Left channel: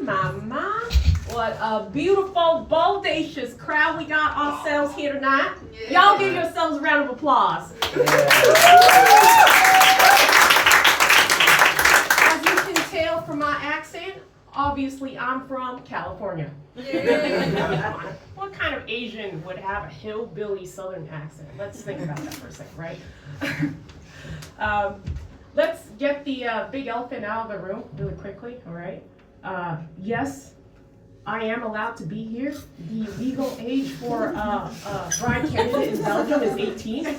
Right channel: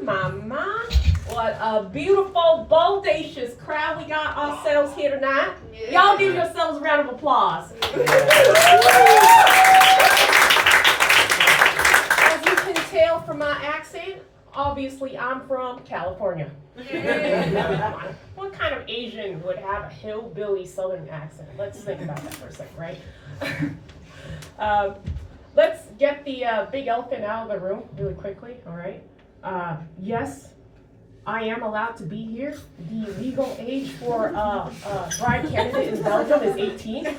My. What a beautiful, bodacious crowd we got ourselves here tonight. Y'all give yourselves a round of applause. As you can tell from my accent, obviously I'm from California. What kind of Asian would have a hillbilly southern accent? Let's think about that for a second, right? Let's get the big elephant out of the room really quickly, all right? Yes, I am allowed to be here. The legal age for a bride candidate in Belgium is 18. Right?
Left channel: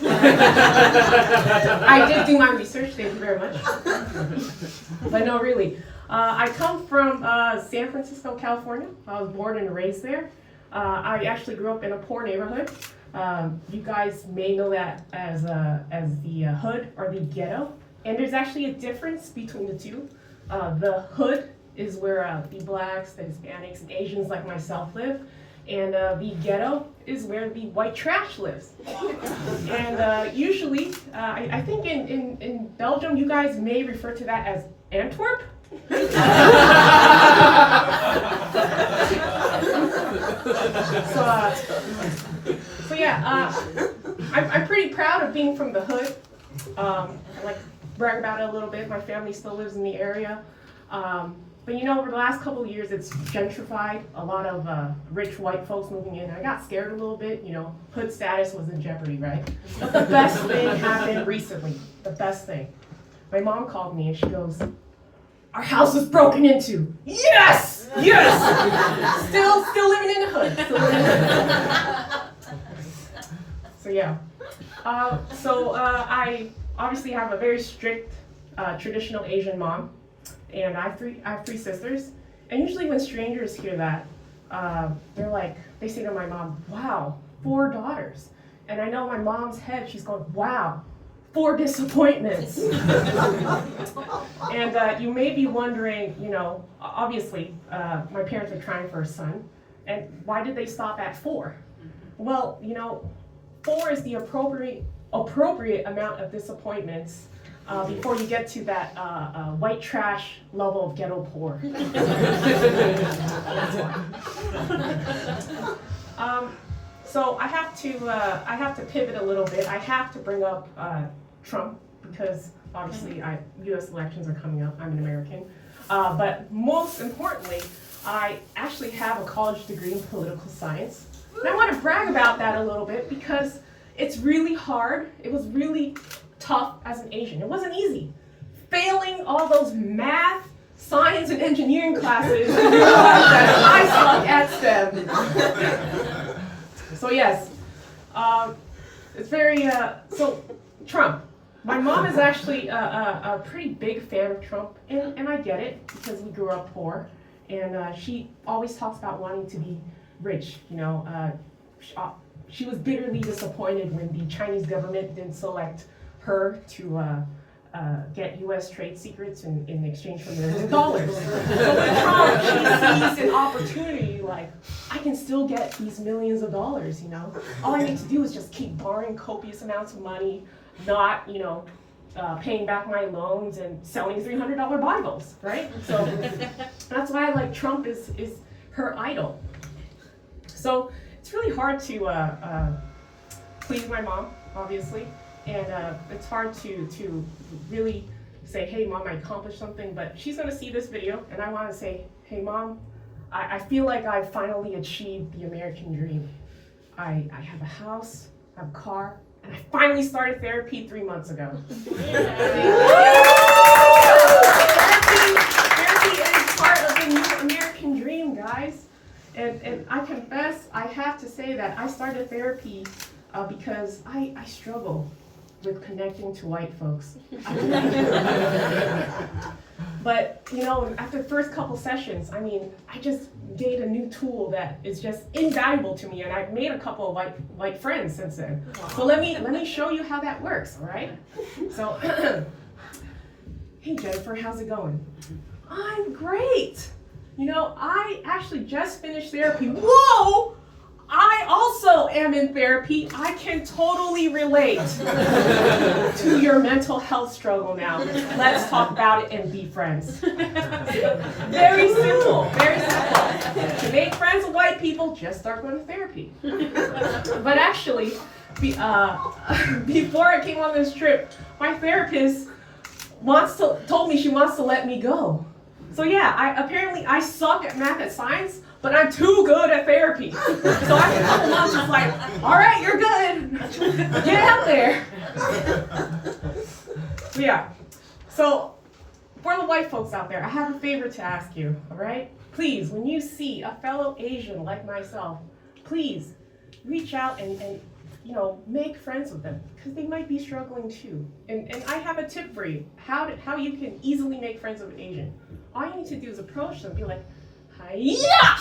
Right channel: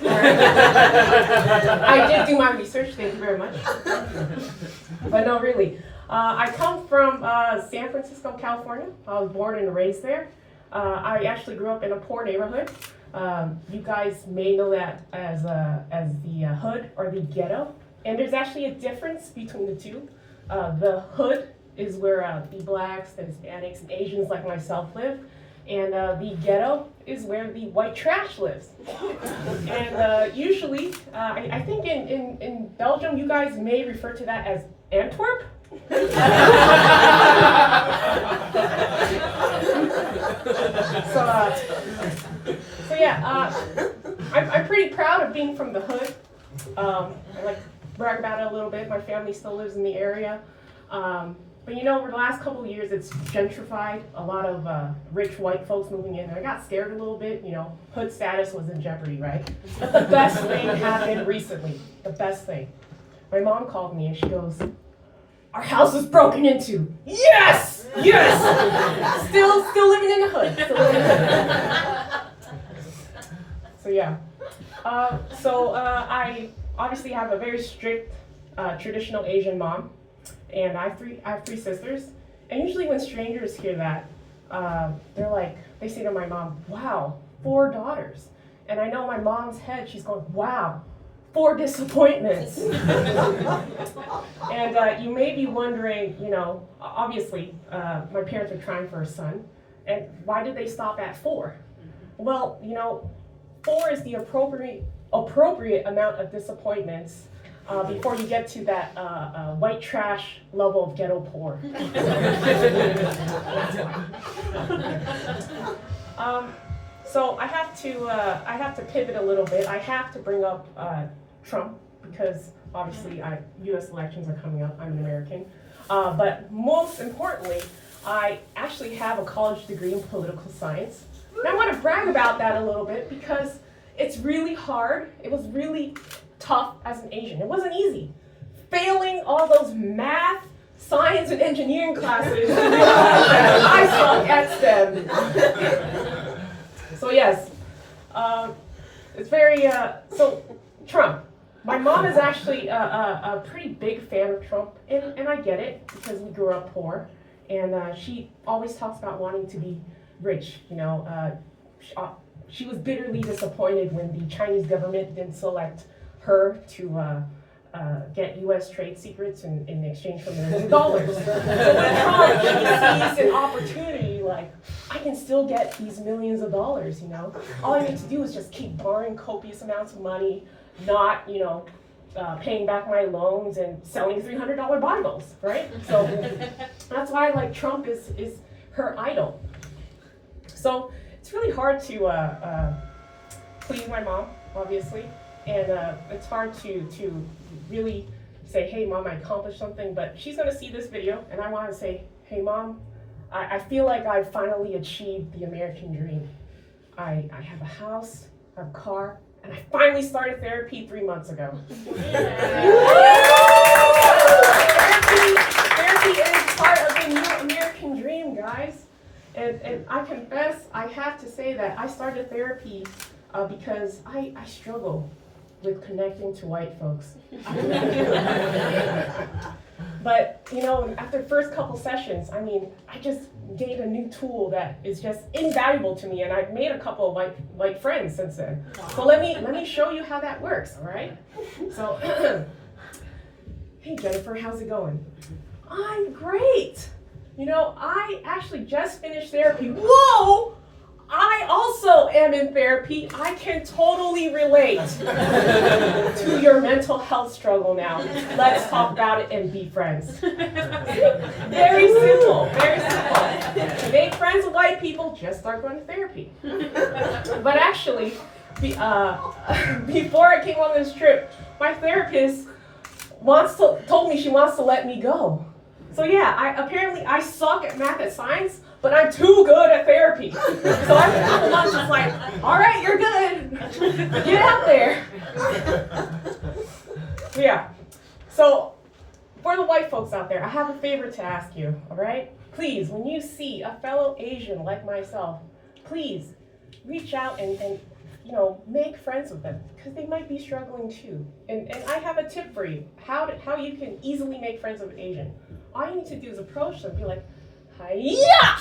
I did do my research, thank you very much. But no, really. I come from San Francisco, California. I was born and raised there. I actually grew up in a poor neighborhood. You guys may know that as the hood or the ghetto. And there's actually a difference between the two. The hood is where the blacks, the Hispanics, and Asians like myself live. And the ghetto is where the white trash lives. And usually, I think in Belgium, you guys may refer to that as Antwerp. So yeah, I'm pretty proud of being from the hood. I like to brag about it a little bit. My family still lives in the area. But you know, over the last couple of years, it's gentrified. A lot of rich white folks moving in. I got scared a little bit. You know, hood status was in jeopardy, right? But the best thing happened recently. The best thing. My mom called me and she goes, "Our house was broken into." Yes! Yes! Still living in the hood. So yeah. I obviously have a very strict traditional Asian mom. And I have three sisters, and usually when strangers hear that, they say to my mom, "Wow, 4 daughters." And I know in my mom's head, she's going, "Wow, 4 disappointments." And you may be wondering, you know, obviously, my parents are trying for a son, and why did they stop at 4? Well, you know, 4 is the appropriate amount of disappointments before you get to that white trash level of ghetto poor. So I have to pivot a little bit. I have to bring up Trump because obviously U.S. elections are coming up. I'm an American, but most importantly, I actually have a college degree in political science. And I want to brag about that a little bit because it's really hard. It was really tough as an Asian. It wasn't easy. Failing all those math, science, and engineering classes, I suck at STEM. So yes, it's very, so Trump. My mom is actually a pretty big fan of Trump, and I get it because we grew up poor, and she always talks about wanting to be rich, you know. She was bitterly disappointed when the Chinese government didn't select her to get U.S. trade secrets in exchange for millions of dollars. So with Trump, she sees an opportunity, like, I can still get these millions of dollars, you know? All I need to do is just keep borrowing copious amounts of money, not, you know, paying back my loans and selling $300 Bibles, right? So that's why, like, Trump is her idol. So it's really hard to please my mom, obviously. And it's hard to really say, "Hey, Mom, I accomplished something," but she's going to see this video, and I want to say, "Hey, Mom, I feel like I finally achieved the American dream. I have a house, I have a car, and I finally started therapy 3 months ago." Therapy is part of the new American dream, guys. And I confess, I have to say that I started therapy because I struggle with connecting to white folks. But, you know, after the first couple sessions, I mean, I just gained a new tool that is just invaluable to me, and I've made a couple of white friends since then. Wow. So let me show you how that works, all right? So, hey Jennifer, how's it going? I'm great. You know, I actually just finished therapy. Whoa! I also am in therapy. I can totally relate to your mental health struggle now. Let's talk about it and be friends. Very simple, very simple. To make friends with white people, just start going to therapy. But actually, before I came on this trip, my therapist told me she wants to let me go. So yeah, apparently I suck at math and science, but I'm too good at therapy. So after a couple months, it's like, all right, you're good. Get out there. So yeah, so for the white folks out there, I have a favor to ask you, all right? Please, when you see a fellow Asian like myself, please reach out and make friends with them, because they might be struggling too. And I have a tip for you, how you can easily make friends with an Asian. All you need to do is approach them, be like, hiya!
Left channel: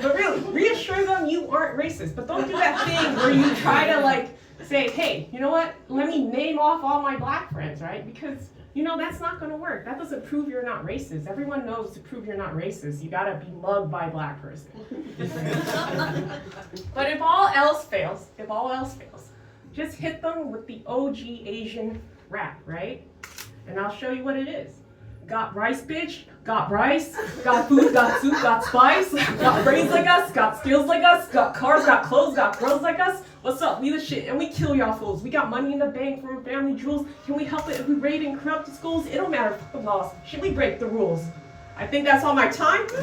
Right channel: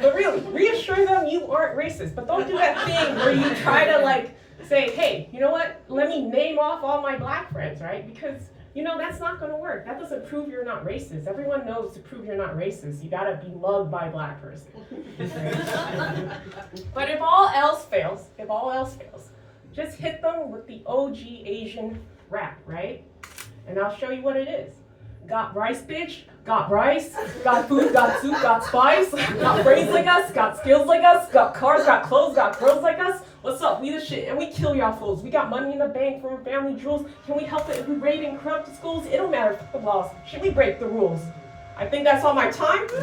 But really, reassure them you aren't racist, but don't do that thing where you try to say, hey, you know what, let me name off all my black friends, right? Because that's not going to work. That doesn't prove you're not racist. Everyone knows to prove you're not racist, you got to be mugged by a black person. But if all else fails, just hit them with the OG Asian rap, right? And I'll show you what it is. Got rice, bitch? Got rice? Got food, got soup, got spice? Got brains like us? Got skills like us? Got cars, got clothes, got girls like us? What's up? We the shit, and we kill y'all fools. We got money in the bank from family jewels. Can we help it if we raid and corrupt the schools? It don't matter the laws. Should we break the rules? I think that's all my time. Give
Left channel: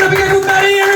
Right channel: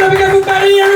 it up again for Maddie, everybody!